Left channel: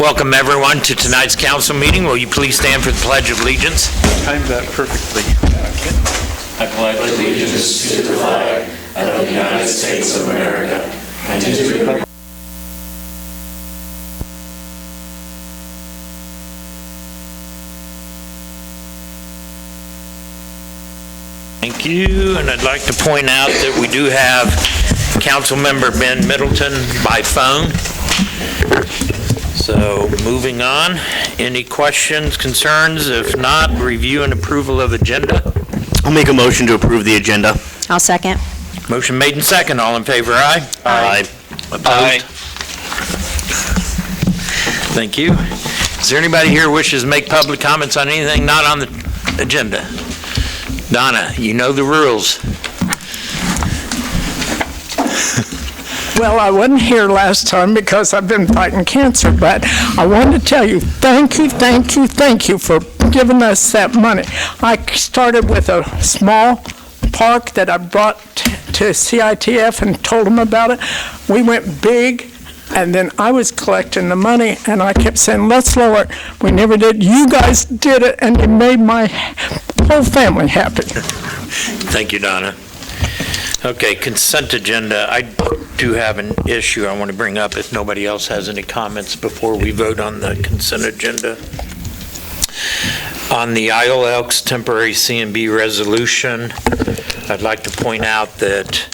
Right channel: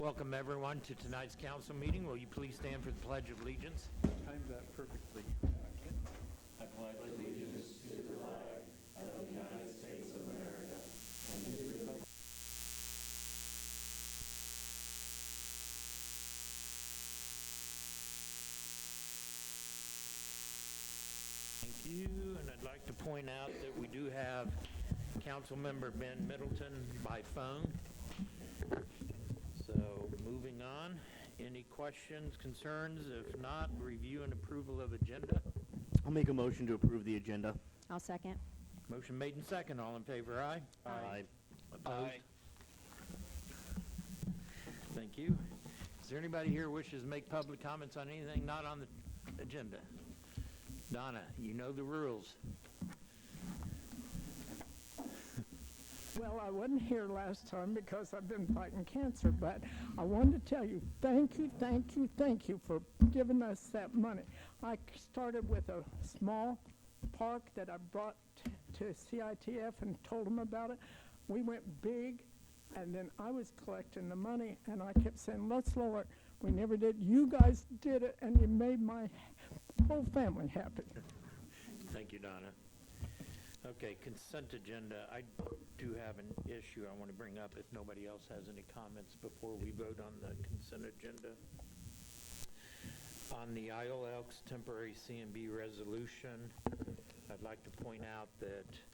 Welcome everyone to tonight's council meeting. Will you please stand for the Pledge of Allegiance? Timed that perfectly. I pledge allegiance to the flag of the United States of America and to the republic. Thank you, and I'd like to point out that we do have Councilmember Ben Middleton by phone. So moving on, any questions, concerns? If not, review and approval of agenda. I'll make a motion to approve the agenda. I'll second. Motion made and second. All in favor, aye? Aye. Opposed? Aye. Thank you. Is there anybody here who wishes to make public comments on anything not on the agenda? Donna, you know the rules. Well, I wasn't here last time because I've been fighting cancer, but I wanted to tell you, thank you for giving us that money. I started with a small park that I brought to CITF and told them about it. We went big, and then I was collecting the money, and I kept saying, let's lower it. We never did. You guys did it, and it made my whole family happy. Thank you, Donna. Okay, consent agenda. I do have an issue I want to bring up if nobody else has any comments before we vote on the consent agenda. On the Isle Elks temporary C&B resolution, I'd like to point out that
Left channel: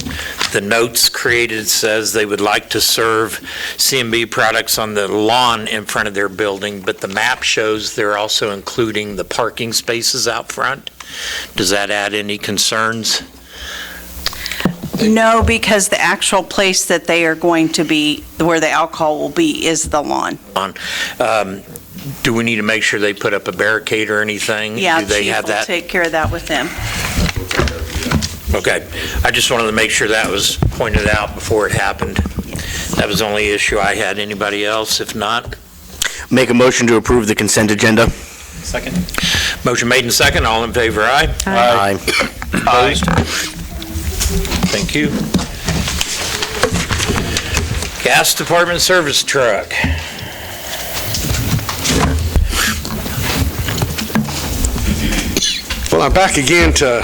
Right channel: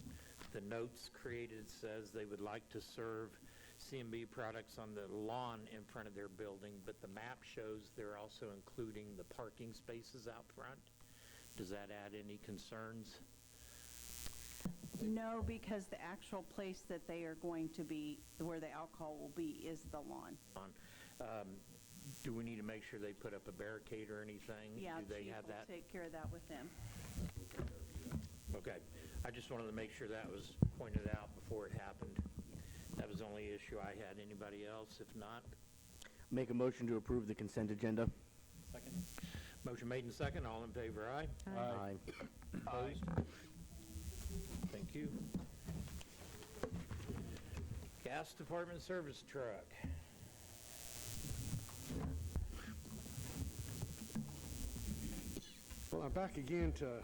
the notes created says they would like to serve C&B products on the lawn in front of their building, but the map shows they're also including the parking spaces out front. Does that add any concerns? No, because the actual place that they are going to be, where the alcohol will be, is the lawn. Do we need to make sure they put up a barricade or anything? Yeah, Do they Chief have will that? take care of that with them. Okay. I just wanted to make sure that was pointed out before it happened. That was the only issue I had. Anybody else? If not? Make a motion to approve the consent agenda. Second. Motion made and second. All in favor, aye? Aye. Opposed? Thank you. Gas Department service truck. Well, I'm back again to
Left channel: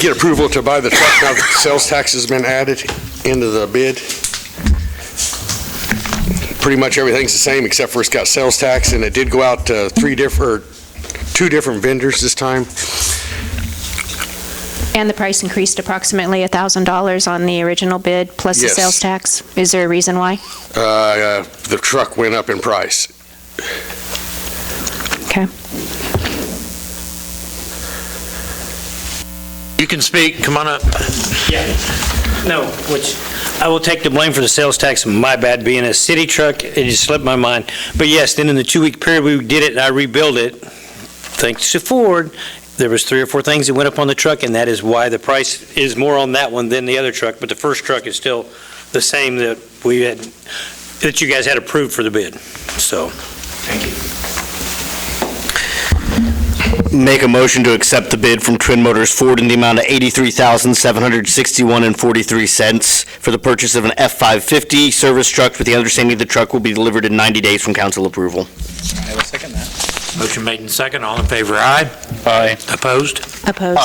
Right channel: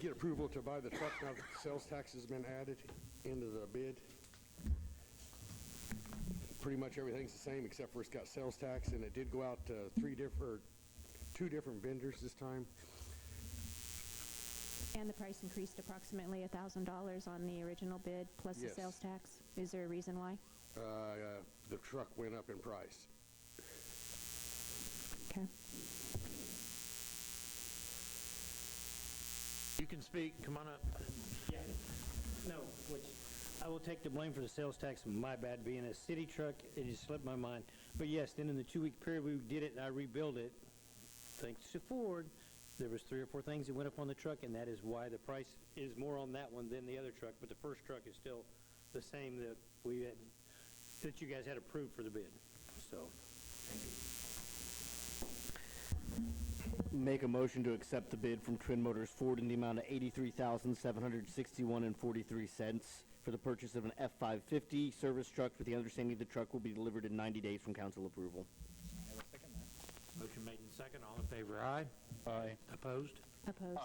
get approval to buy the truck now that the sales tax has been added into the bid. Pretty much everything's the same except for it's got sales tax, and it did go out to two different vendors this time. And the price increased approximately $1,000 on the original bid, plus the Yes. sales tax. Is there a reason why? The truck went up in price. Okay. You can speak. Come on up. Yeah, no, which I will take the blame for the sales tax, my bad, being a city truck, it just slipped my mind. But yes, then in the 2-week period, we did it and I rebuilt it, thanks to Ford. There was 3 or 4 things that went up on the truck, and that is why the price is more on that one than the other truck, but the first truck is still the same that we had, that you guys had approved for the bid, so. Thank you. Make a motion to accept the bid from Twin Motors Ford in the amount of $83,761.43 for the purchase of an F-550 service truck with the understanding the truck will be delivered in 90 days from council approval. I will second that. Motion made and second. All in favor, aye? Aye. Opposed? Opposed?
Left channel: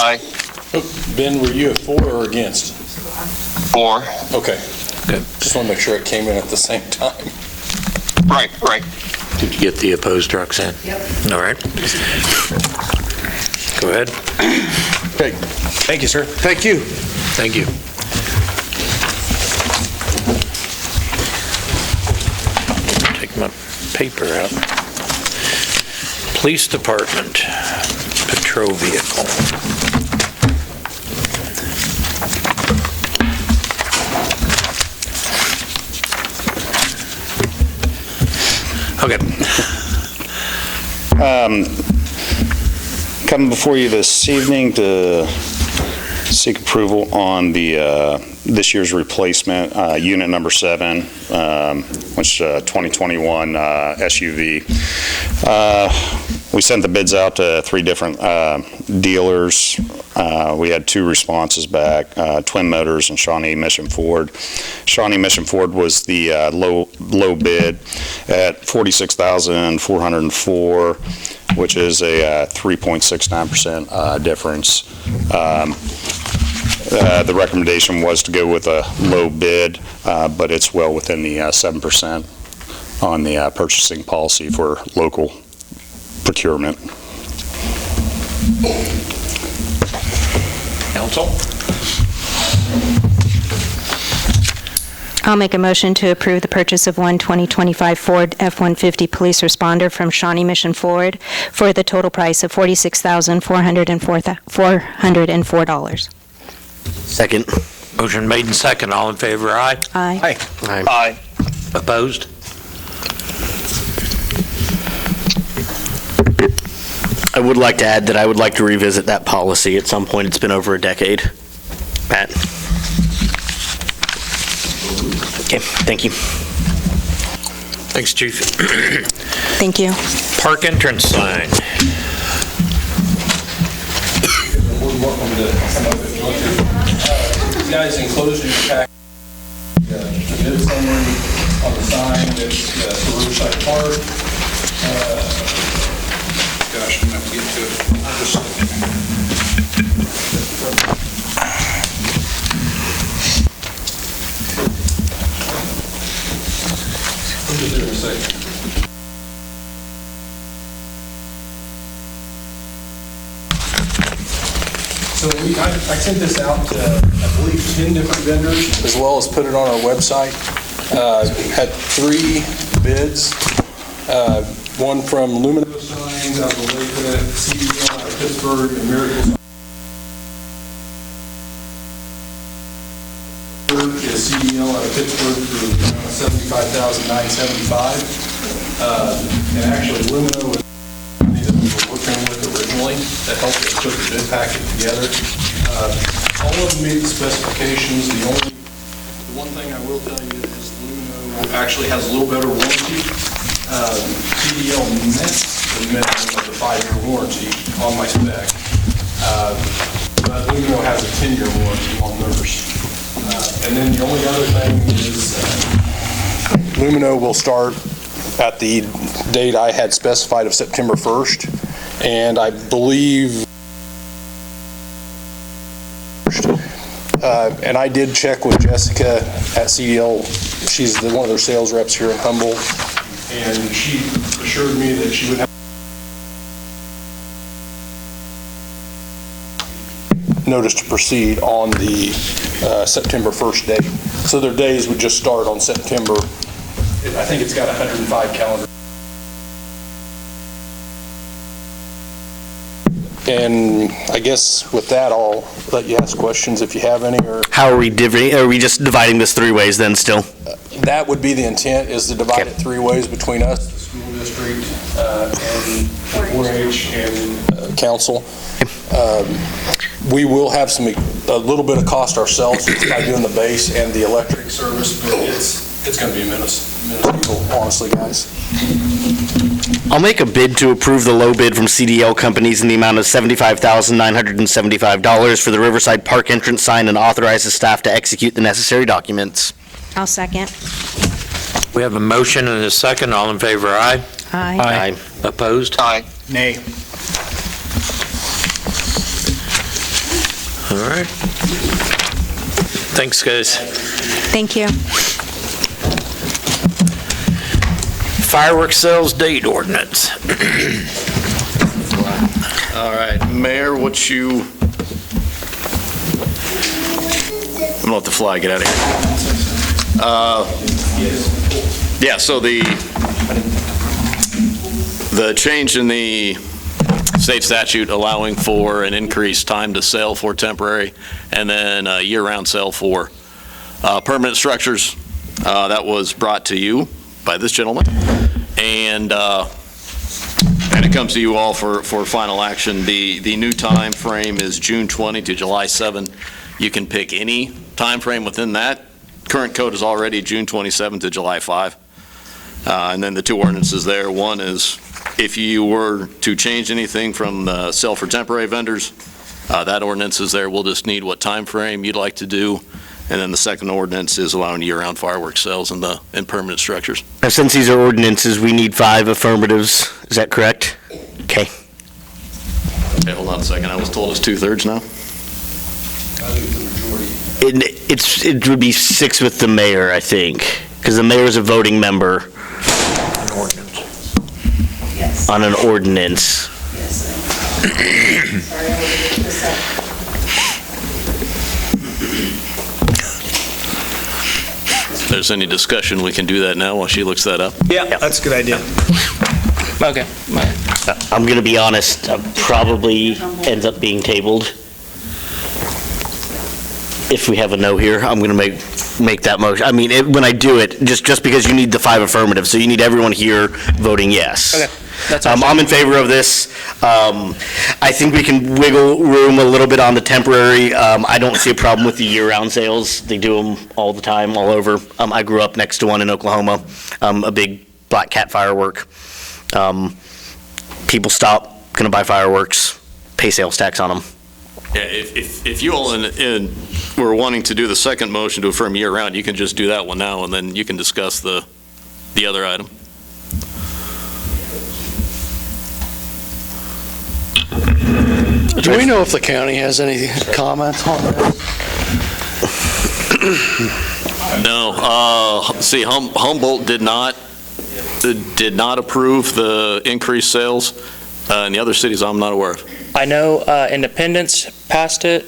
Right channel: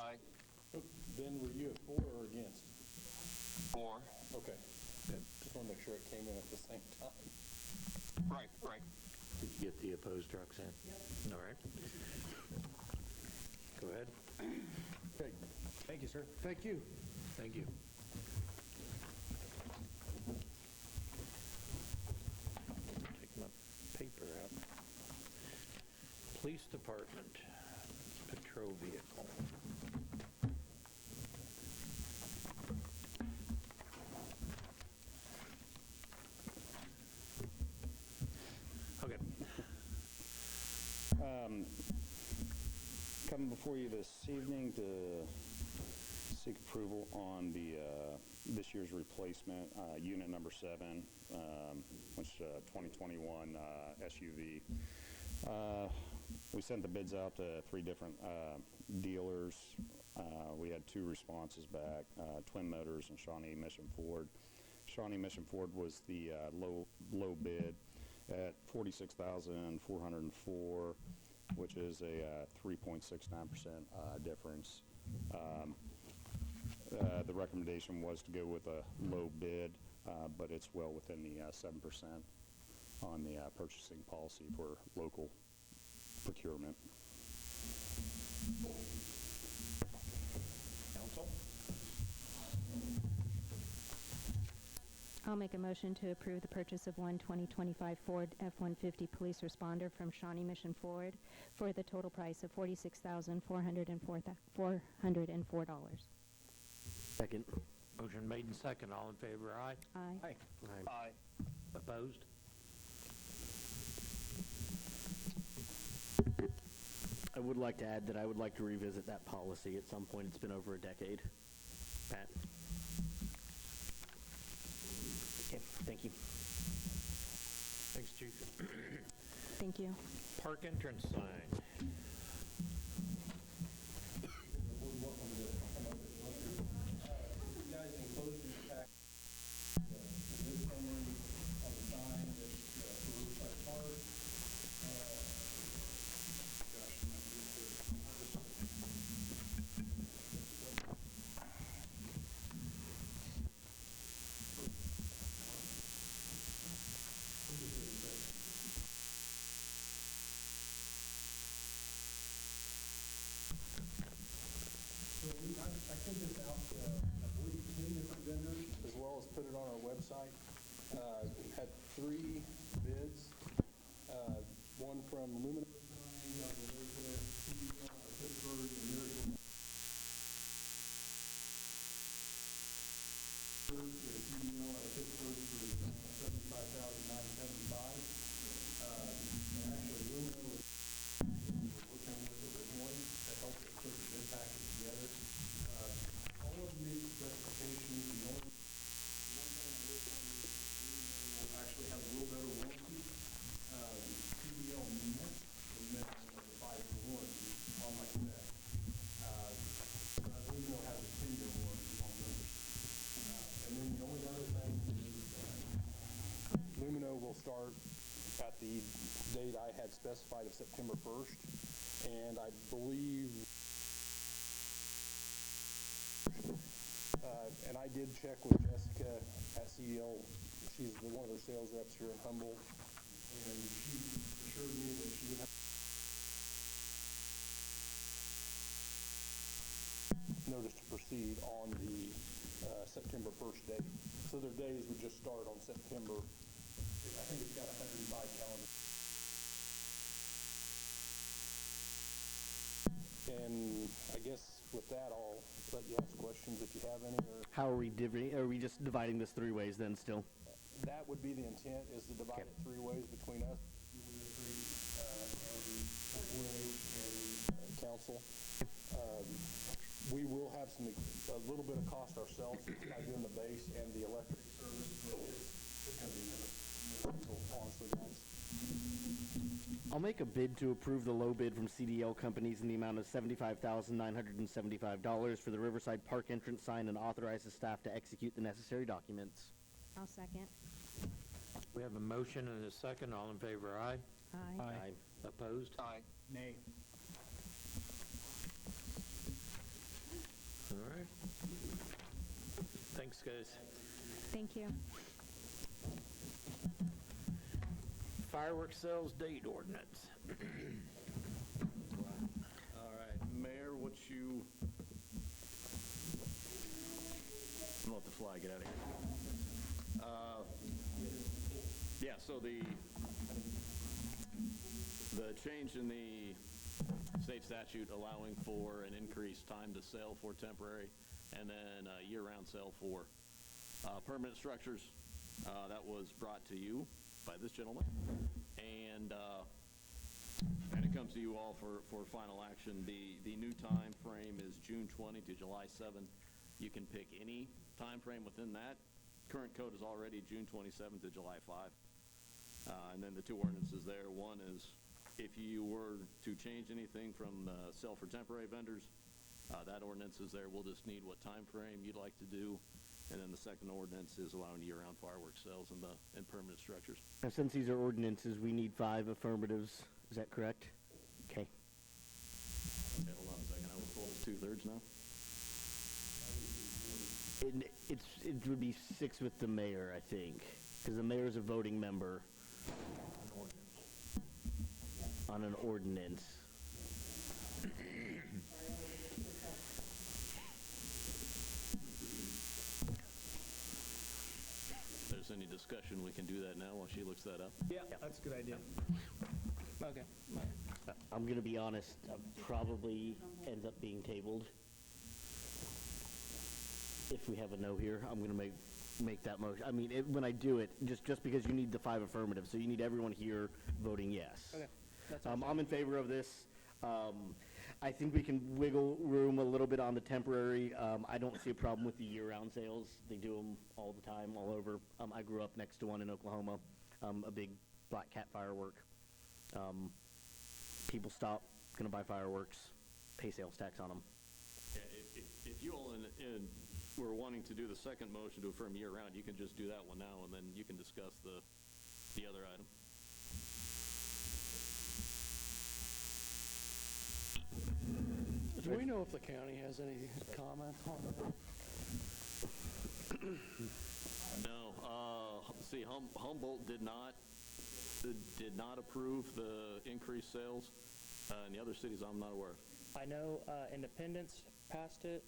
Ben, were you for or against? For. Okay. Good. Just want to make sure it came in at the same time. Right. Did you get the opposed trucks in? Yep. All right. Go ahead. Okay, Thank you, sir. thank you. Thank you. Take my paper out. Police Department, patrol vehicle. Okay. Coming before you this evening to seek approval on the this year's replacement, unit number 7, which 2021 SUV. We sent the bids out to 3 different dealers. We had 2 responses back, Twin Motors and Shawnee Mission Ford. Shawnee Mission Ford was the low bid at $46,404, which is a 3.69% difference. The recommendation was to go with a low bid, but it's well within the 7% on the purchasing policy for local procurement. Council? I'll make a motion to approve the purchase of one 2025 Ford F-150 police responder from Shawnee Mission Ford for the total price of $46,404. Second. Motion made and second. All in favor, aye. Aye. Aye. Opposed? I would like to add that I would like to revisit that policy at some point. It's been over a decade. Pat? Okay, thank you. Thanks, Chief. Thank you. Park entrance sign. Welcome to come up if you want to. You guys enclosed in your pack the bid summary on the sign that's for Riverside Park. Gosh, I'm going to have to get to it. Just a second. So I sent this out to, I believe, 10 different vendors, as well as put it on our website. Had 3 bids. One from Lumino Signs out of Olathe, CDL out of Pittsburgh, and Miracle is CDL out of Pittsburgh for $75,975. And actually, Lumino was the company that we were working with originally that helped us put the bid packet together. All of them meet the specifications. The one thing I will tell you is Lumino actually has a little better warranty. CDL met the minimum of the 5-year warranty on my spec, but Lumino has a 10-year warranty on theirs. And then the only other thing is Lumino will start at the date I had specified of September 1st, and I believe, and I did check with Jessica at CDL. She's one of their sales reps here in Humboldt, and she assured me that she would have notice to proceed on the September 1st date. So their days would just start on September. I think it's got 105 calendar. And I guess with that, I'll let you ask questions if you have any, or How are we are we just dividing this 3 ways then still? that would be the intent, is to divide it 3 ways between us, the school district, and 4-H and council. We will have a little bit of cost ourselves by doing the base and the electric service, but it's going to be minuscule, honestly, guys. I'll make a bid to approve the low bid from CDL Companies in the amount of $75,975 for the Riverside Park entrance sign and authorize the staff to execute the necessary documents. I'll second. We have a motion and a second. All in favor, aye. Aye. Opposed? Aye. Nay. All right. Thanks, guys. Thank you. Fireworks sales date ordinance. All right, Mayor, I'm gonna let the fly get out of here. Yeah, so the change in the state statute allowing for an increased time to sell for temporary and then a year-round sale for permanent structures, that was brought to you by this gentleman, and it comes to you all for final action. The new time frame is June 20 to July 7. You can pick any time frame within that. Current code is already June 27 to July 5. And then the 2 ordinances there. One is if you were to change anything from the sell for temporary vendors, that ordinance is there. We'll just need what time frame you'd like to do. And then the second ordinance is allowing year-round fireworks sales in permanent structures. Now, since these are ordinances, we need 5 affirmatives. Is that correct? Okay. Okay, hold on a second. I was told it's 2/3 now. It would be 6 with the mayor, I think, because the mayor is a voting member on an ordinance. If there's any discussion, we can do that now while she looks that up. Yeah, that's a good idea. Okay. I'm going to be honest, probably ends up being tabled. If we have a no here, I'm going to make that motion. I mean, when I do it, just because you need the 5 affirmatives, so you need everyone here voting yes. Okay. That's I'm in favor of this. I think we can wiggle room a little bit on the temporary. I don't see a problem with the year-round sales. They do them all the time, all over. I grew up next to one in Oklahoma, a big Black Cat firework. People stop, gonna buy fireworks, pay sales tax on them. Yeah, if you all were wanting to do the second motion to affirm year-round, you can just do that one now, and then you can discuss the other item. Do we know if the county has any comments on that? No. See, Humboldt did not approve the increased sales. And the other cities I'm not aware of. I know Independence passed it,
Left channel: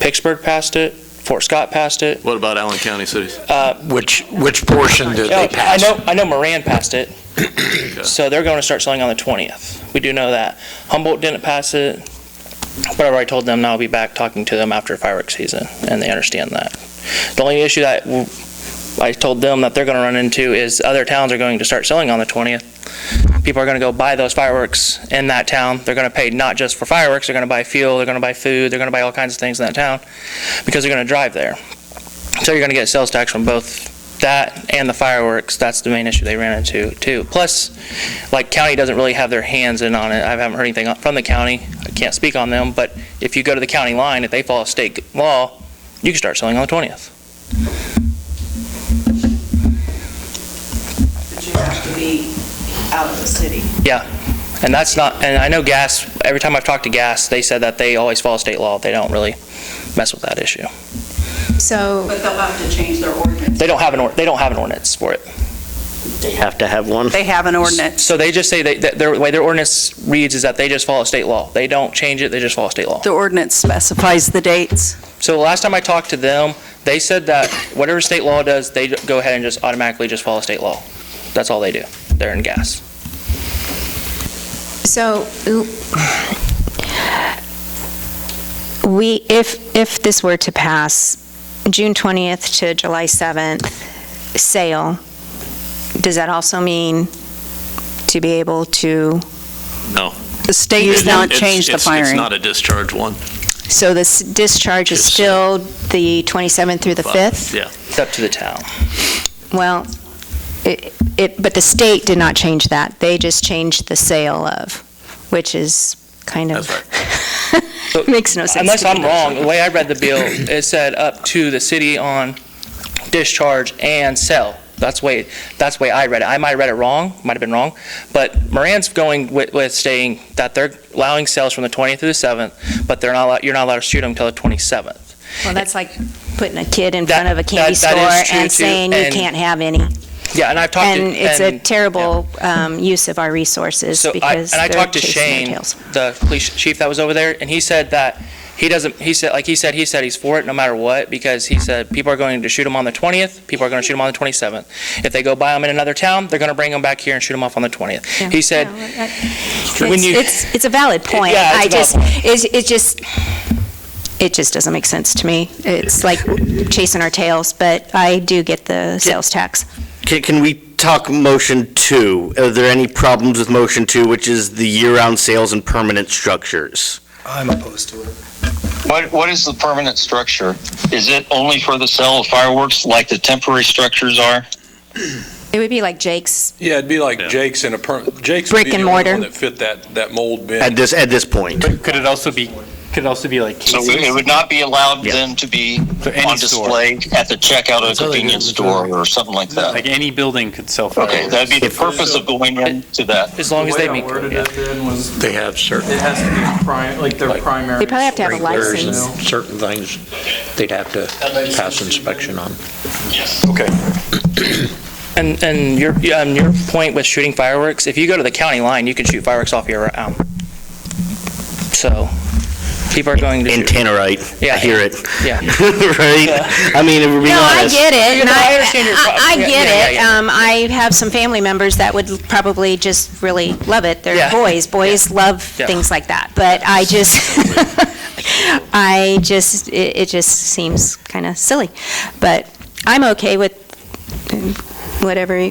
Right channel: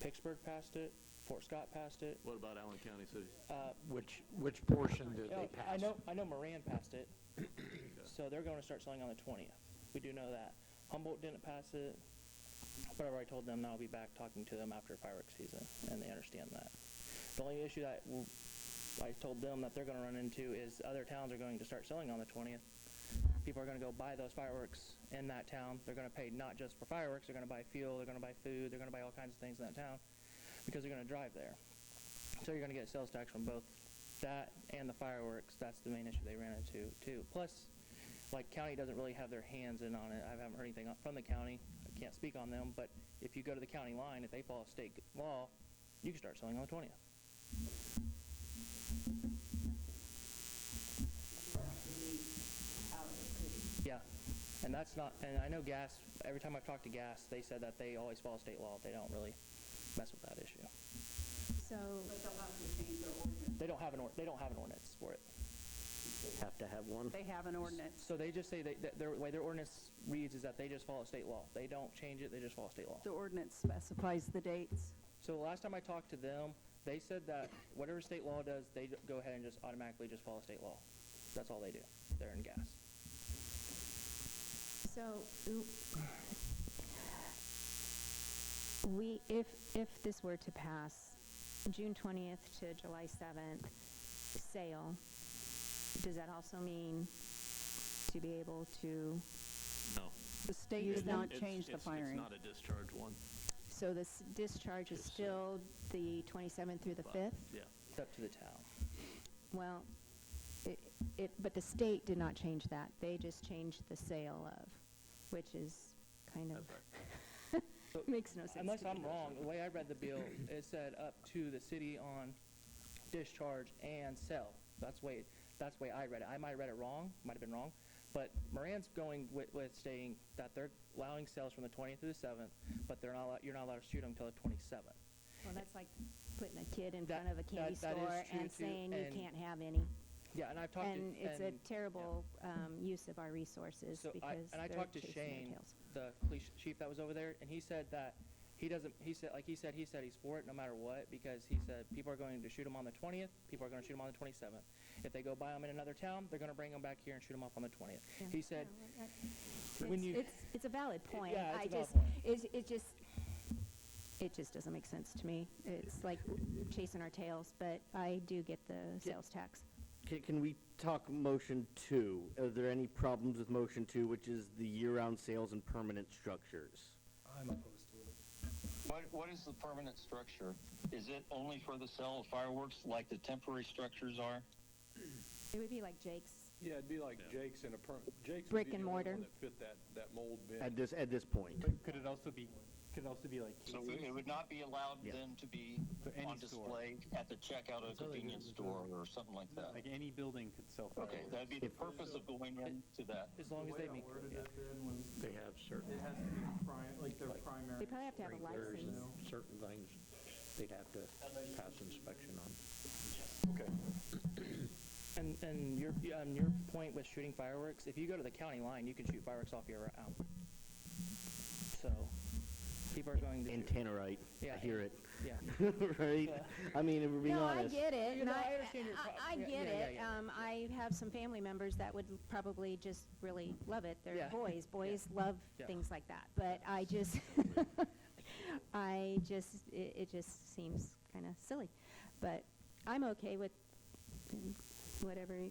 Pittsburgh passed it, Fort Scott passed it. What about Allen County cities? Which portion did they pass? I know Moran passed it. So they're going to start selling on the 20th. We do know that. Humboldt didn't pass it, but I've already told them now I'll be back talking to them after fireworks season, and they understand that. The only issue that I told them that they're going to run into is other towns are going to start selling on the 20th. People are going to go buy those fireworks in that town. They're going to pay not just for fireworks, they're going to buy fuel, they're going to buy food, they're going to buy all kinds of things in that town because they're going to drive there. So you're going to get sales tax from both that and the fireworks. That's the main issue they ran into too. Plus, like, county doesn't really have their hands in on it. I haven't heard anything from the county. I can't speak on them, but if you go to the county line, if they follow state law, you can start selling on the 20th. But you have to be out of the city. Yeah, and that's not, and I know Gas, every time I've talked to Gas, they said that they always follow state law. They don't really mess with that issue. So, But they'll have to change their ordinance. They don't have an ordinance for it. They have to have one? They have an ordinance. So they just say that the way their ordinance reads is that they just follow state law. They don't change it, they just follow state law. The ordinance specifies the dates. So the last time I talked to them, they said that whatever state law does, they go ahead and just automatically just follow state law. That's all they do. They're in Gas. so if this were to pass, June 20th to July 7th sale, does that also mean to be able to? No. The state does not change the firing. It's not a discharge one. So this discharge is still the 27th through the 5th? Yeah. It's up to the town. Well, but the state did not change that. They just changed the sale of, which is kind of, makes no sense. Unless to I'm me. wrong, the way I read the bill, it said up to the city on discharge and sell. That's the way I read it. I might have read it wrong, might have been wrong, but Moran's going with saying that they're allowing sales from the 20th through the 7th, but you're not allowed to shoot them until the 27th. Well, that's like putting a kid in front of a candy that store is true, and too, saying you and- can't have any. Yeah, and I've talked to... And it's a terrible use of our resources because I they're talked to chasing their Shane, tails. the police chief that was over there, and he said that he said he's for it no matter what, because he said people are going to shoot them on the 20th, people are going to shoot them on the 27th. If they go buy them in another town, they're going to bring them back here and shoot them off on the 20th. Yeah. He said, It's a valid point. Yeah, it's a valid point. It just doesn't make sense to me. It's like chasing our tails, but I do get the sales tax. Can we talk motion 2? Are there any problems with motion 2, which is the year-round sales and permanent structures? I'm opposed to it. What is the permanent structure? Is it only for the sale of fireworks like the temporary structures are? It would be like Jake's. Yeah, it'd be like Jake's and Jake's would Brick be and the only mortar. one that fit that mold bin. At this point? Could it also be Could also be like So casings. it would not be allowed then to be any on store. display at the checkout of a convenience store or something like that? Like any building could sell fireworks. Okay, that'd be the purpose of going into that. As long as they The way meet I worded code, it then was, They have certain it has to be their primary. They probably have to have a sprinklers and license. certain things they'd have to pass inspection on. Okay. And your point with shooting fireworks, if you go to the county line, you can shoot fireworks off year round. So people are going to In shoot. Tannerite, Yeah. I hear it. Yeah. Right? I mean, if we're being No, I honest. get it, and No, I understand your problem. I Yeah, get yeah, it. yeah. I have some family members that would probably just really love it. They're Yeah. boys. Boys love Yeah. things like that. But I just, it just seems kind of silly. But I'm okay with whatever,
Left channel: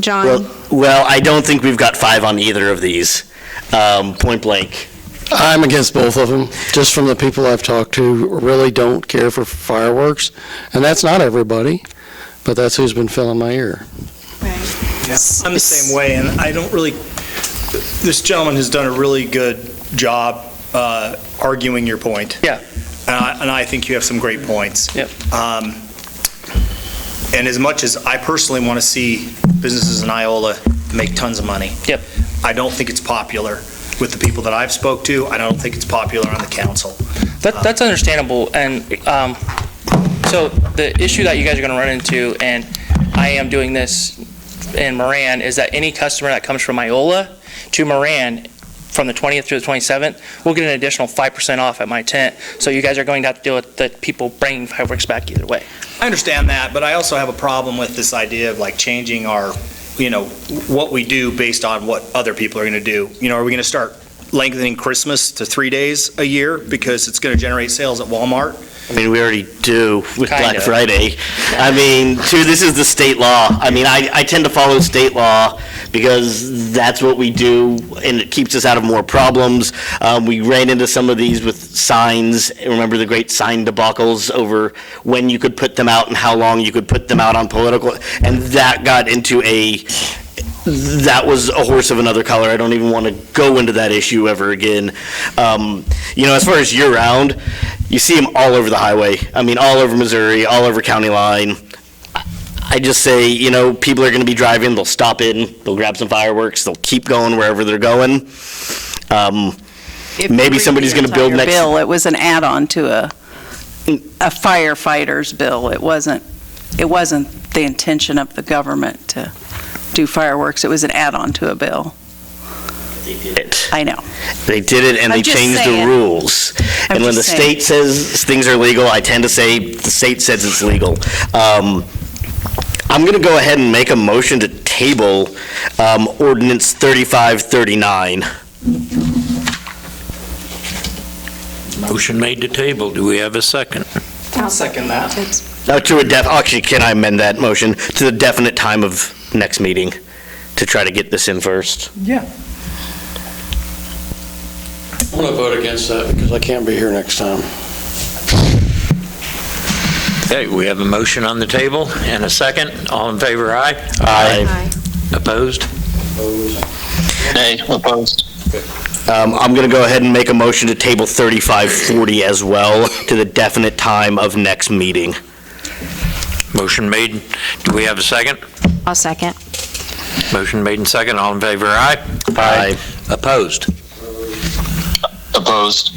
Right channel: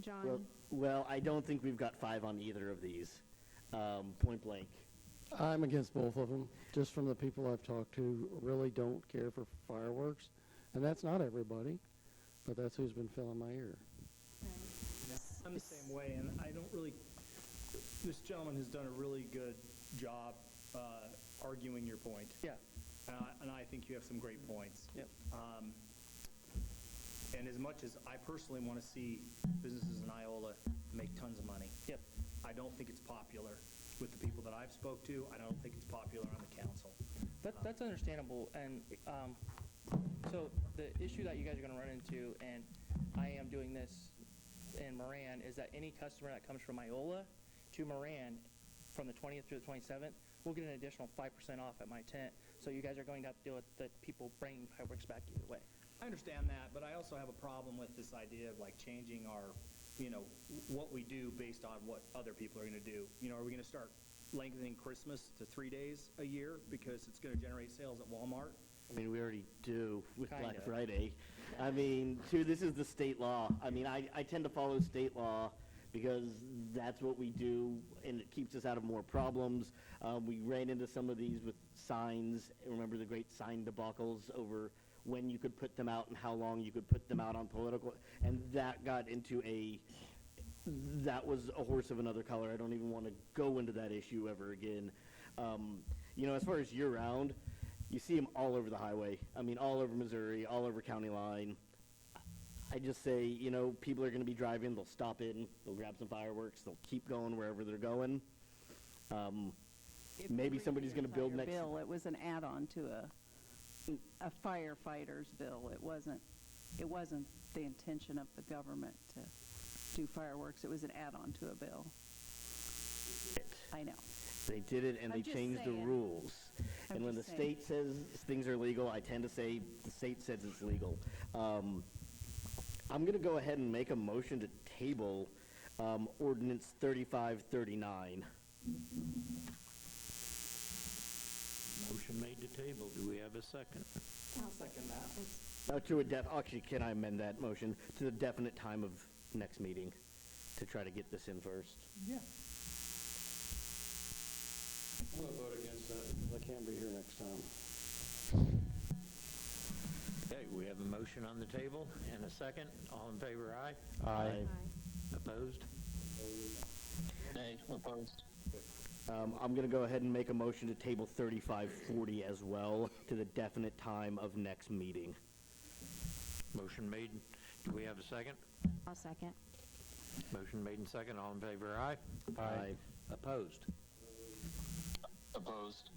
John. Well, I don't think we've got 5 on either of these, point blank. I'm against both of them, just from the people I've talked to, really don't care for fireworks. And that's not everybody, but that's who's been filling my ear. Yeah, I'm the same way, and I don't really, this gentleman has done a really good job arguing your point. Yeah. And I think you have some great points. Yep. And as much as I personally want to see businesses in Iola make tons of money. Yep. I don't think it's popular with the people that I've spoke to. I don't think it's popular on the council. That's understandable, and so the issue that you guys are going to run into, and I am doing this in Moran, is that any customer that comes from Iola to Moran from the 20th through the 27th will get an additional 5% off at my tent, so you guys are going to have to deal with the people bringing fireworks back either way. I understand that, but I also have a problem with this idea of like changing our, what we do based on what other people are going to do. Are we going to start lengthening Christmas to 3 days a year because it's going to generate sales at Walmart? I mean, we already do with Black Kinda. Friday. I mean, this is the state law. I mean, I tend to follow state law because that's what we do, and it keeps us out of more problems. We ran into some of these with signs. Remember the great sign debacles over when you could put them out and how long you could put them out on political, and that got into that was a horse of another color. I don't even want to go into that issue ever again. As far as year-round, you see them all over the highway. I mean, all over Missouri, all over county line. I just say, people are going to be driving, they'll stop in, they'll grab some fireworks, they'll keep going wherever they're going. Maybe somebody's going to build next. Bill, it was an add-on to a firefighter's bill. It wasn't the intention of the government to do fireworks. It was an add-on to a bill. They did it. I know. They did it, and I'm they just changed the saying. rules. And when the just saying. state says things are legal, I tend to say the state says it's legal. I'm going to go ahead and make a motion to table ordinance 3539. Motion made to table. Do we have a second? I'll second that. Actually, can I amend that motion to the definite time of next meeting to try to get this in first? Yeah. I'm going to vote against that because I can't be here next time. Okay, we have a motion on the table and a second. All in favor, aye? Aye. Opposed? Nay, opposed. I'm going to go ahead and make a motion to table 3540 as well to the definite time of next meeting. Motion made. Do we have a second? I'll second. Motion made and second. All in favor, aye? Aye. Opposed? Opposed.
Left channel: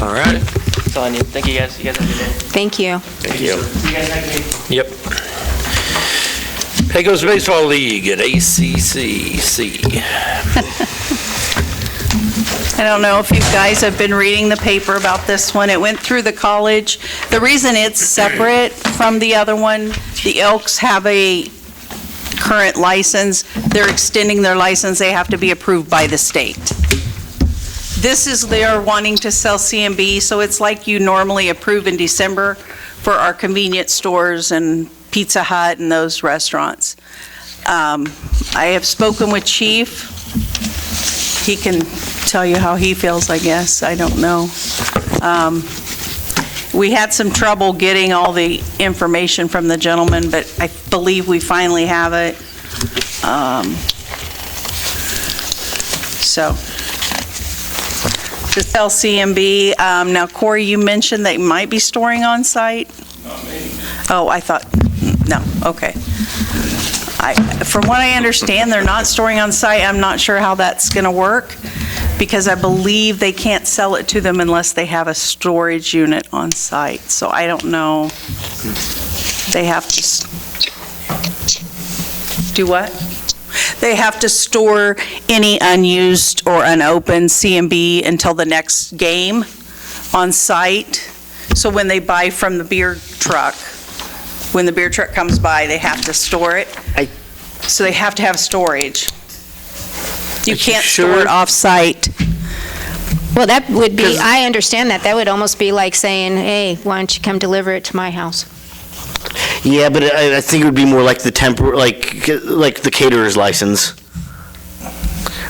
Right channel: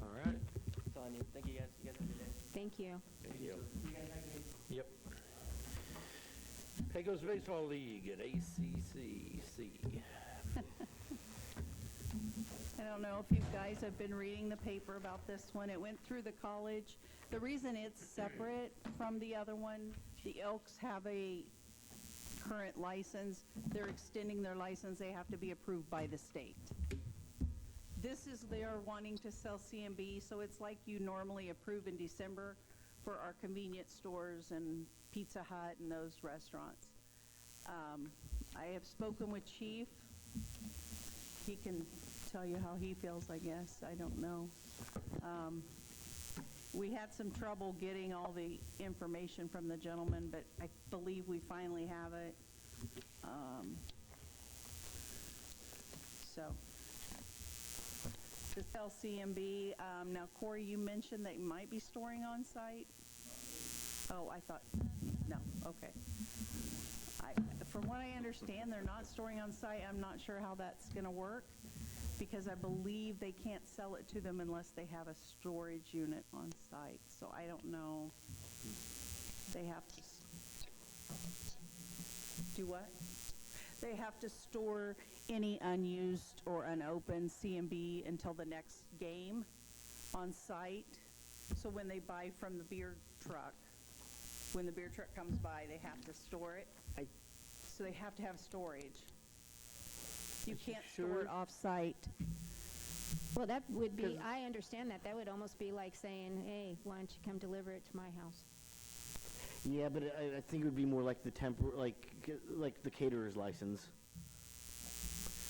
All right. That's all I need. Thank you guys. You guys have a good day. Thank you. Thank you. See you guys next week. Yep. Pecos Baseball League at ACCC. I don't know if you guys have been reading the paper about this one. It went through the college. The reason it's separate from the other one, the Elks have a current license. They're extending their license. They have to be approved by the state. This is they're wanting to sell CMB, so it's like you normally approve in December for our convenience stores and Pizza Hut and those restaurants. I have spoken with Chief. He can tell you how he feels, I guess. I don't know. We had some trouble getting all the information from the gentleman, but I believe we finally have it. So to sell CMB, now Corey, you mentioned they might be storing on site? Not me. Oh, I thought, no, okay. From what I understand, they're not storing on site. I'm not sure how that's going to work, because I believe they can't sell it to them unless they have a storage unit on site. So I don't know. They have to do what? They have to store any unused or unopened CMB until the next game on site. So when they buy from the beer truck, when the beer truck comes by, they have to store it. So they have to have storage. You can't store it off-site. Well, that would be, I understand that. That would almost be like saying, hey, why don't you come deliver it to my house? Yeah, but I think it would be more like the like the caterer's license.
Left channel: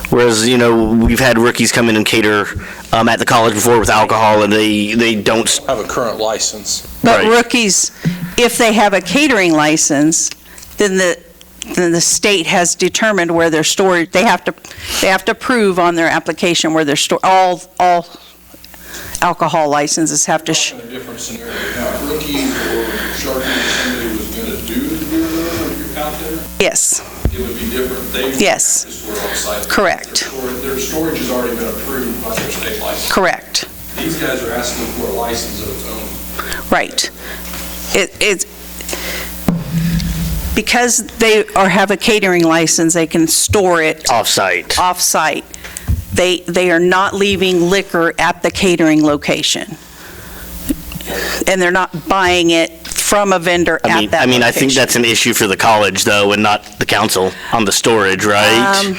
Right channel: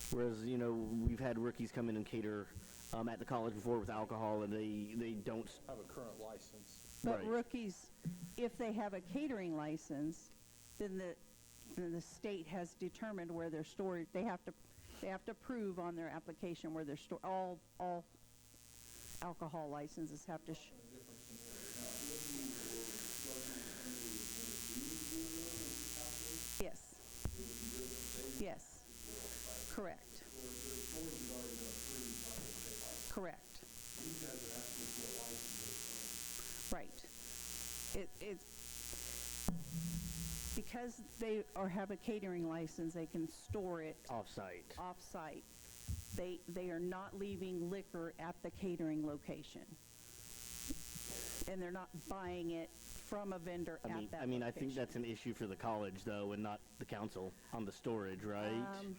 Whereas, we've had rookies come in and cater at the college before with alcohol, and they don't Have a current license. But rookies, if they have a catering license, then the state has determined where they're stored. They have to prove on their application where they're stored. All alcohol licenses have to. In a different scenario. Now, if rookies or Sharky, somebody was going to do the beer there out there, Yes. it would be different. They would Yes. have to store on site. Correct. Their storage has already been approved by their state license. Correct. These guys are asking for a license of its own. Right. It's because they have a catering license, they can store it off-site. Off-site. They are not leaving liquor at the catering location. And they're not buying it from a vendor at that location. I think that's an issue for the college, though, and not the council on the storage, right?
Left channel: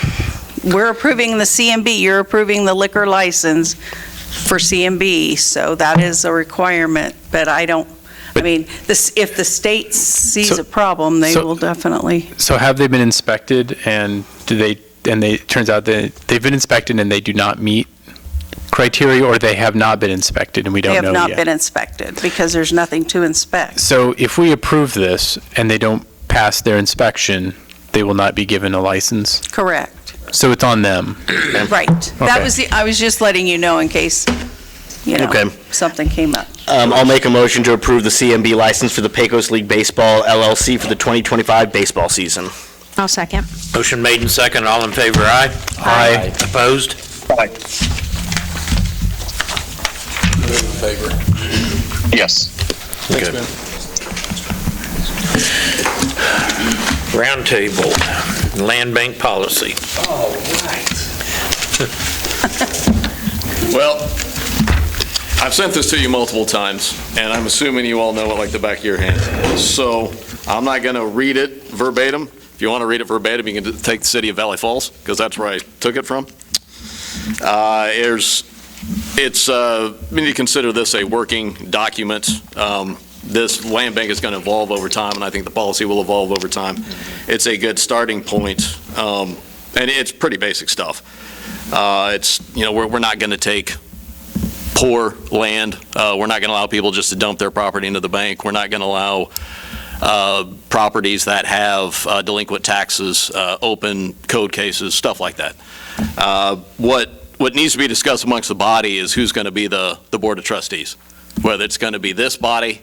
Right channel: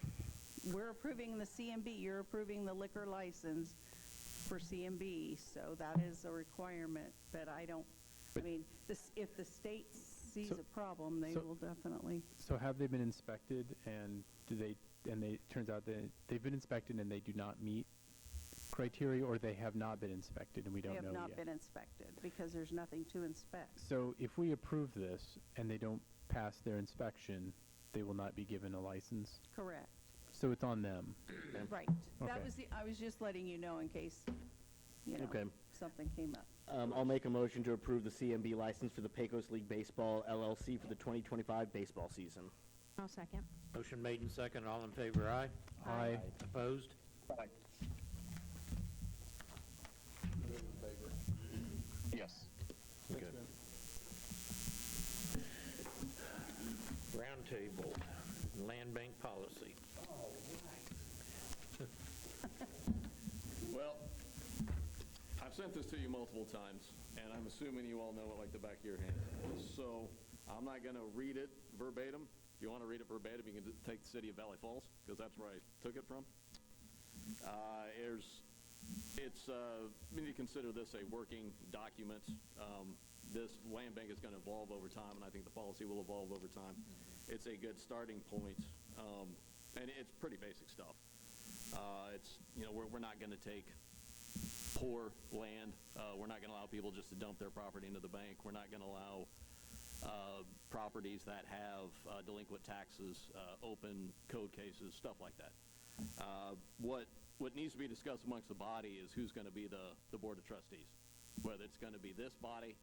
We're approving the CMB, you're approving the liquor license for CMB, so that is a requirement, but if the state sees a problem, they will definitely. So have they been inspected, and it turns out that they've been inspected and they do not meet criteria, or they have not been inspected and we don't know yet? They have not been inspected because there's nothing to inspect. So if we approve this and they don't pass their inspection, they will not be given a license? Correct. So it's on them? Right. Okay. I was just letting you know in case, Okay. something came up. I'll make a motion to approve the CMB license for the Pecos League Baseball LLC for the 2025 baseball season. I'll second. Motion made and second. All in favor, aye? Aye. Opposed? Aye. In favor. Yes. Thanks, Good. Ben. Roundtable, land bank policy. All right. Well, I've sent this to you multiple times, and I'm assuming you all know it like the back of your hand. So I'm not going to read it verbatim. If you want to read it verbatim, you can take the city of Valley Falls, because that's where I took it from. We need to consider this a working document. This land bank is going to evolve over time, and I think the policy will evolve over time. It's a good starting point, and it's pretty basic stuff. We're not going to take poor land. We're not going to allow people just to dump their property into the bank. We're not going to allow properties that have delinquent taxes, open code cases, stuff like that. What needs to be discussed amongst the body is who's going to be the Board of Trustees, whether it's going to be this body,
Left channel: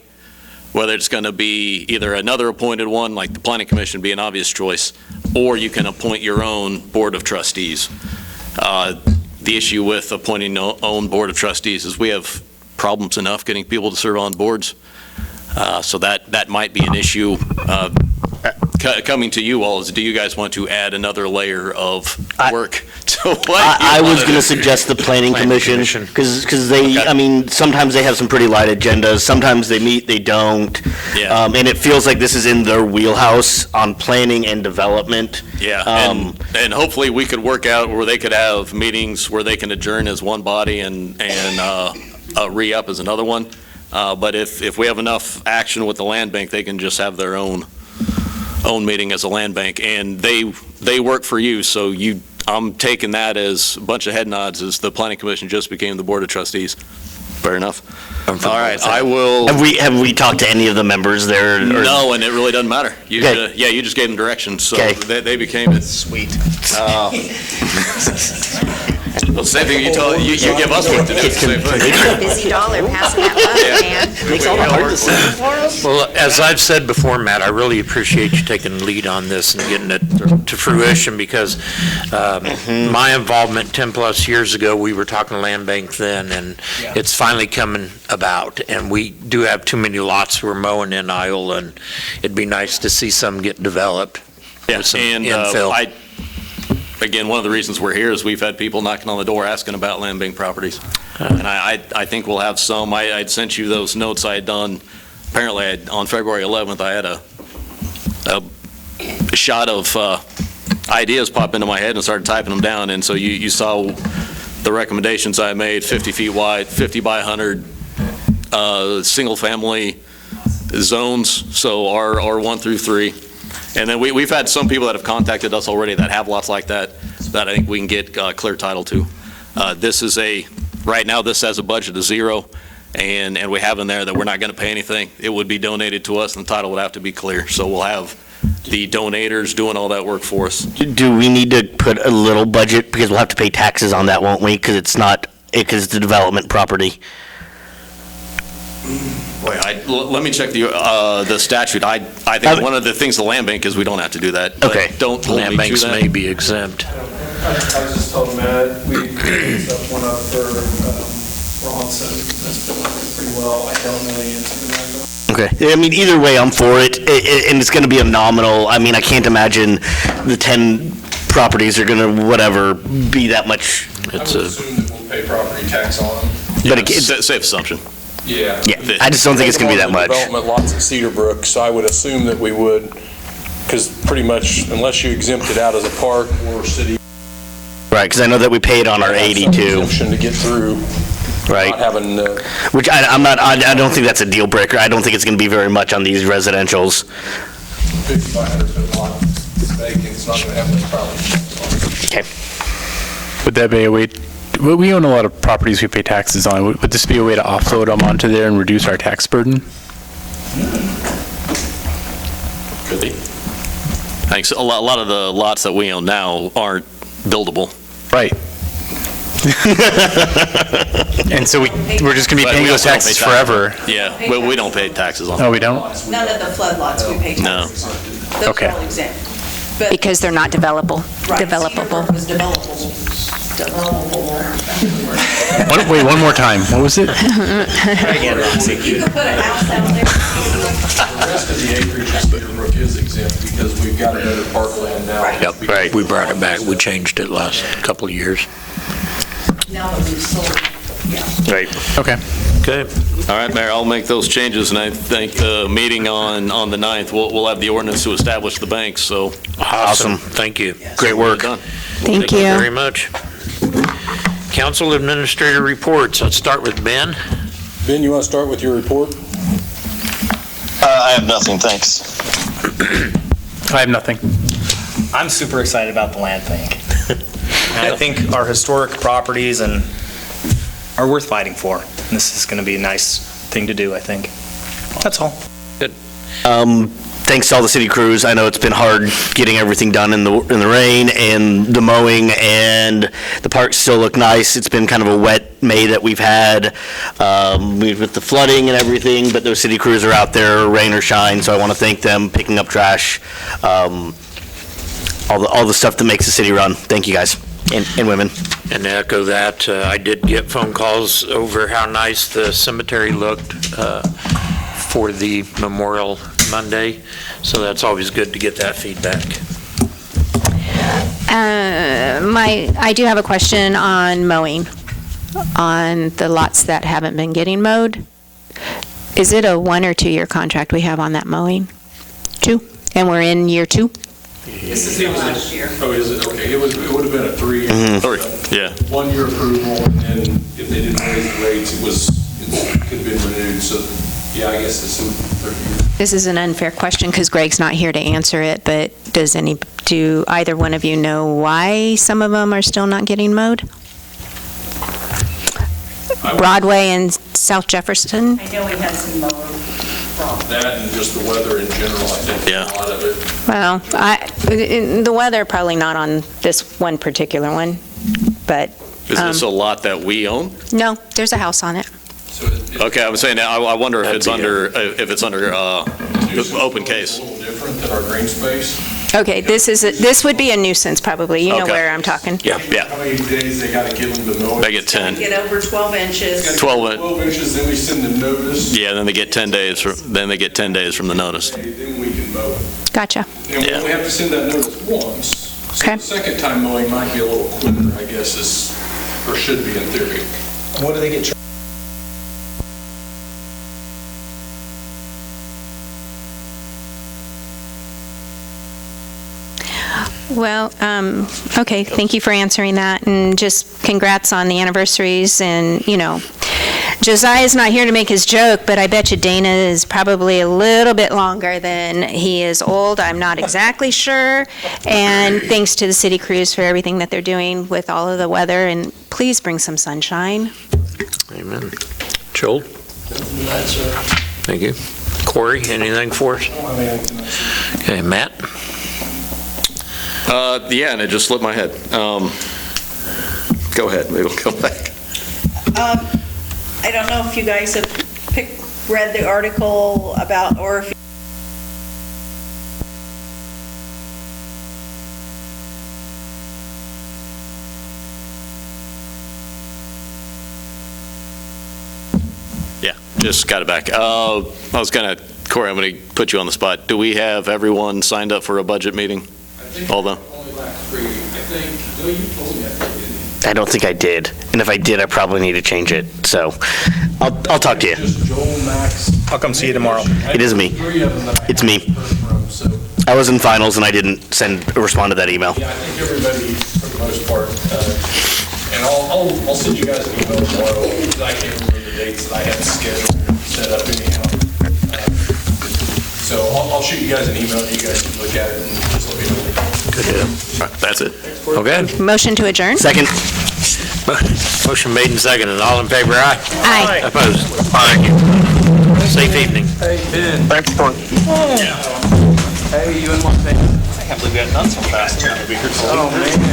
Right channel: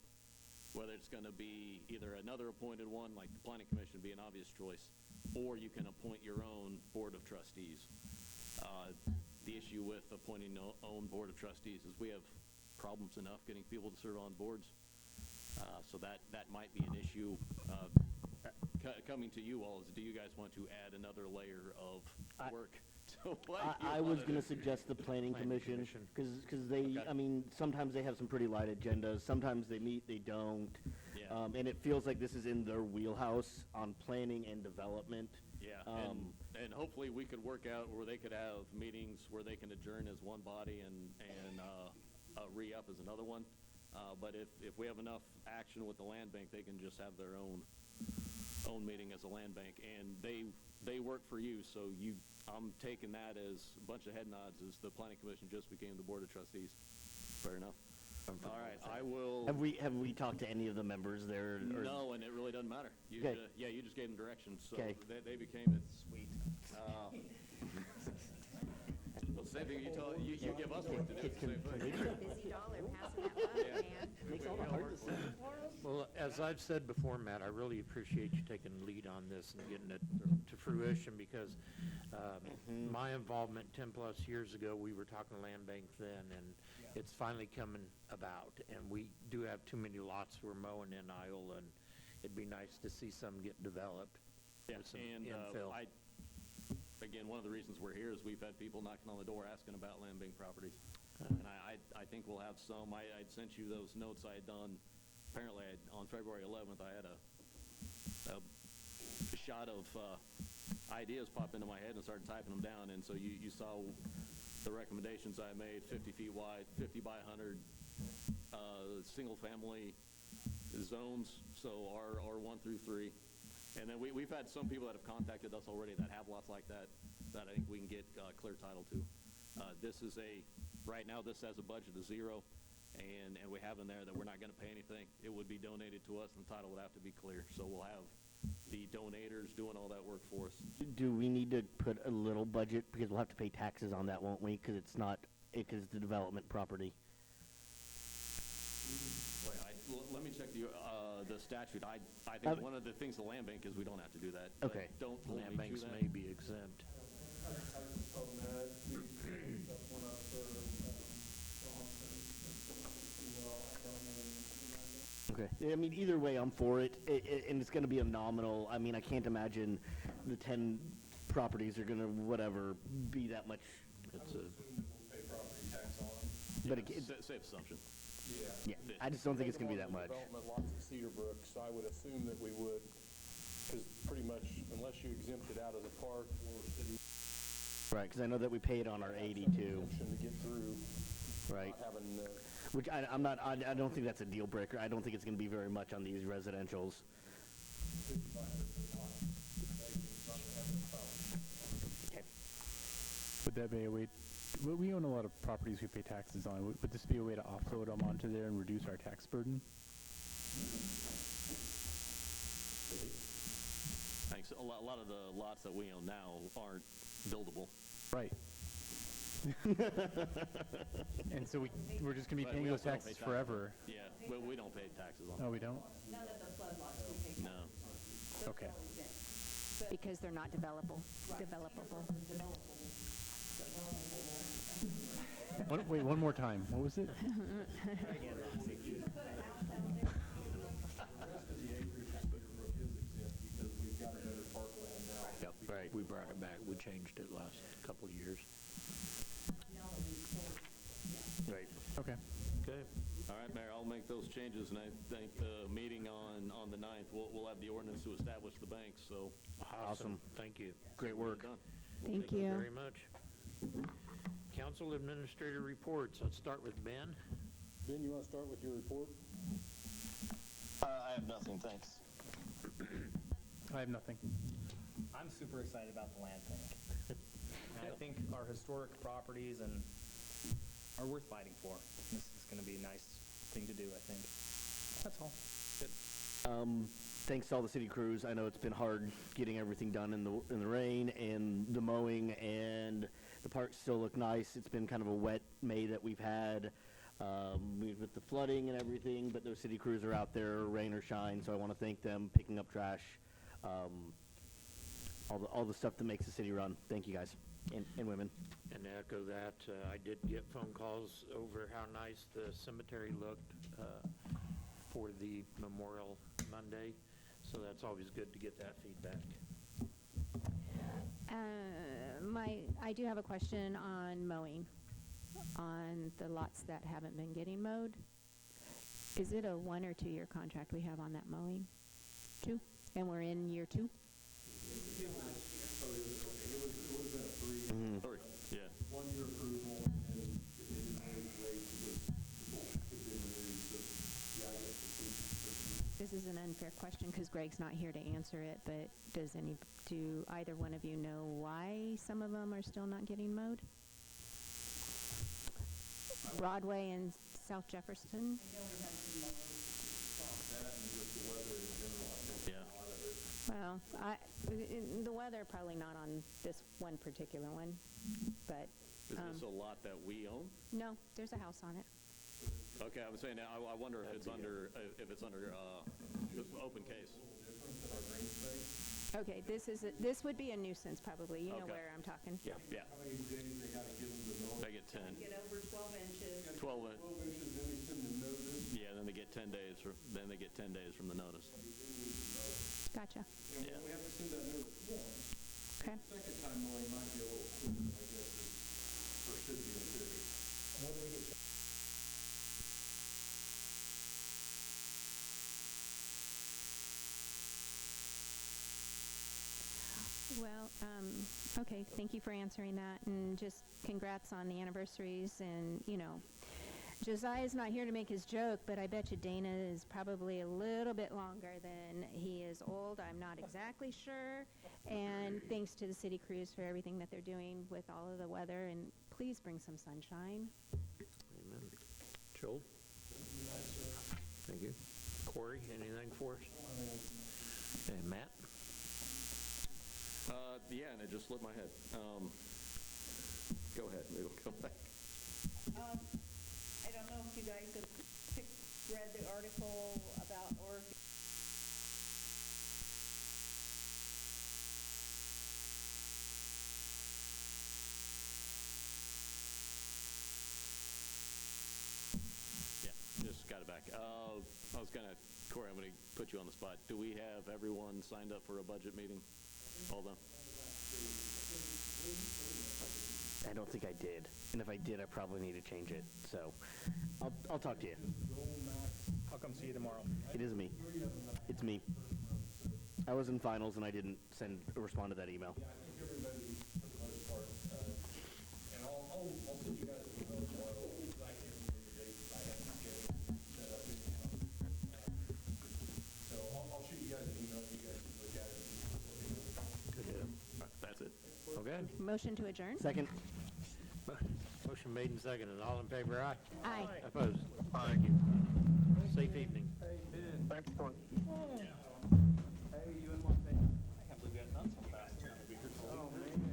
whether it's going to be either another appointed one, like the Planning Commission be an obvious choice, or you can appoint your own Board of Trustees. The issue with appointing your own Board of Trustees is we have problems enough getting people to serve on boards. So that might be an issue. Coming to you all is, do you guys want to add another layer of work to what I was going to suggest the Planning Commission, because they, sometimes they have some pretty light agendas. Sometimes they meet, they don't. Yeah. And it feels like this is in their wheelhouse on planning and development. Yeah, and hopefully we could work out where they could have meetings where they can adjourn as one body and re-up as another one. But if we have enough action with the land bank, they can just have their own meeting as a land bank, and they work for you. So I'm taking that as a bunch of head nods as the Planning Commission just became the Board of Trustees. Fair enough. All right, I will. Have we talked to any of the members there? No, and it really doesn't matter. You Okay. you just gave them directions, so Okay. they became it. Sweet. Well, same thing you tell, you give us what to do. Same thing. Busy dollar passing that love, man. Makes all the hard decisions. Well, as I've said before, Matt, I really appreciate you taking the lead on this and getting it to fruition, because my involvement 10-plus years ago, we were talking to Land Bank then, and it's finally coming about. And we do have too many lots we're mowing in Iowa, and it'd be nice to see some get developed. Yeah, with some and infill. again, one of the reasons we're here is we've had people knocking on the door asking about land bank properties. And I think we'll have some. I'd sent you those notes I had done. Apparently, on February 11th, I had a shot of ideas pop into my head and started typing them down. And so you saw the recommendations I made, 50 feet wide, 50 by 100, single-family zones, so R1 through 3. And then we've had some people that have contacted us already that have lots like that I think we can get clear title to. Right now, this has a budget of 0, and we have in there that we're not going to pay anything. It would be donated to us, and the title would have to be clear. So we'll have the donators doing all that work for us. Do we need to put a little budget, because we'll have to pay taxes on that, won't we? Because it's a development property. Wait, let me check the statute. I think one of the things the land bank is we don't have to do that. but Okay. Don't hold Land me to banks that. may be exempt. I was just told Matt, we set one up for Ronson. That's been working pretty well. I don't know the answer to that. Okay. I mean, either way, I'm for it, and it's going to be a nominal. I mean, I can't imagine the 10 properties are going to, be that much. I would assume that we'll pay property tax on them. But Safe assumption. Yeah. Yeah, I just don't think it's going to be that much. Development lots at Cedar Brook, so I would assume that we would, because pretty much, unless you exempt it out as a park or city. Right, because I know that we paid on our 82. Exemption to get through. Right. Not having, Which I don't think that's a deal breaker. I don't think it's going to be very much on these residentials. 50 by 100 foot lot, it's vacant, it's not going to have any problems. Okay. Would that be a way, we own a lot of properties we pay taxes on. Would this be a way to offload them onto there and reduce our tax burden? Could be. Thanks. A lot of the lots that we own now aren't buildable. Right. And so we're just going to be But paying we those also don't taxes pay forever. Yeah, we don't pay taxes on Oh, them. we don't? None of the flood lots we pay No. taxes on. Those Okay. are all exempt. But Because they're not developable. Right, Cedar Developable. Brook was developable. Wait, one more time. What was it? You could put a house out there. The rest of the acreage of Cedar Brook is exempt because we've got a better parkland now. Yep, right. We brought it back. We changed it last couple of years. Now that we've sold, yeah. Right. Okay. Okay. All right, Mayor, I'll make those changes, and I think the meeting on the 9th, we'll have the ordinance to establish the banks, so. Awesome. Thank you. Great work. Done. Thank you. Very much. Council Administrator reports. Let's start with Ben. Ben, you want to start with your report? I have nothing, thanks. I have nothing. I'm super excited about the land bank. And I think our historic properties are worth fighting for. And this is going to be a nice thing to do, I think. That's all. Thanks to all the city crews. I know it's been hard getting everything done in the rain and the mowing, and the parks still look nice. It's been kind of a wet May that we've had with the flooding and everything, but those city crews are out there, rain or shine, so I want to thank them, picking up trash, all the stuff that makes the city run. Thank you, guys and women. And to echo that, I did get phone calls over how nice the cemetery looked for the Memorial Monday, so that's always good to get that feedback. I do have a question on mowing, on the lots that haven't been getting mowed. Is it a 1 or 2 year contract we have on that mowing? 2? And we're in year 2? This is the last year. Oh, is it? Okay, it would have been a 3-year. Yeah. 1-year approval, and then if they didn't raise the rates, it could have been renewed. So, yeah, I guess it's 3 years. This is an unfair question because Greg's not here to answer it, but do either one of you know why some of them are still not getting mowed? Broadway and South Jefferson? I know we had some mower problems. That and just the weather in general, I think, Yeah. a lot of it. Well, the weather, probably not on this one particular one, but Is this a lot that we own? No, there's a house on it. Okay, I was saying, I wonder if it's under, open case. A little different than our green space. Okay, this would be a nuisance probably. You know Okay. where I'm talking. Yeah. How many days they gotta give them to mow it? They get 10. Get over 12 inches. 12 inches, then we send the notice, Yeah, then they get 10 days, then they get 10 days from the notice. then we can mow it. Gotcha. And we only have to send that notice once. So Okay. the second time mowing might be a little quicker, I guess, or should be in theory. What do they get charged? Well, okay, thank you for answering that, and just congrats on the anniversaries, and, Josiah's not here to make his joke, but I bet you Dana is probably a little bit longer than he is old. I'm not exactly sure, and thanks to the city crews for everything that they're doing with all of the weather, and please bring some sunshine. Amen. Joel? Thank you. Corey, anything for us? Okay, Matt? Yeah, and it just slipped my head. Go ahead, maybe we'll come back. I don't know if you guys have read the article about, or if Yeah, just got it back. I was Corey, I'm going to put you on the spot. Do we have everyone signed up for a budget meeting? All the, I don't think I did. And if I did, I probably need to change it. So I'll talk to you. I'll come see you tomorrow. It is me. It's me. I was in finals and I didn't respond to that email. Yeah, I think everybody, for the most part, and I'll send you guys an email tomorrow, because I can't remember the dates that I have scheduled, set up anyhow. So I'll shoot you guys an email, you guys can look at it and just let me know. Good deal. all right, that's it. Okay. Motion to adjourn? Second. Motion made and seconded. All in favor, aye? Aye. Opposed? Thank you. Safe evening. Hey, Ben. Thanks for. Hey, you in one thing? I can't believe we got done so fast. Oh, man.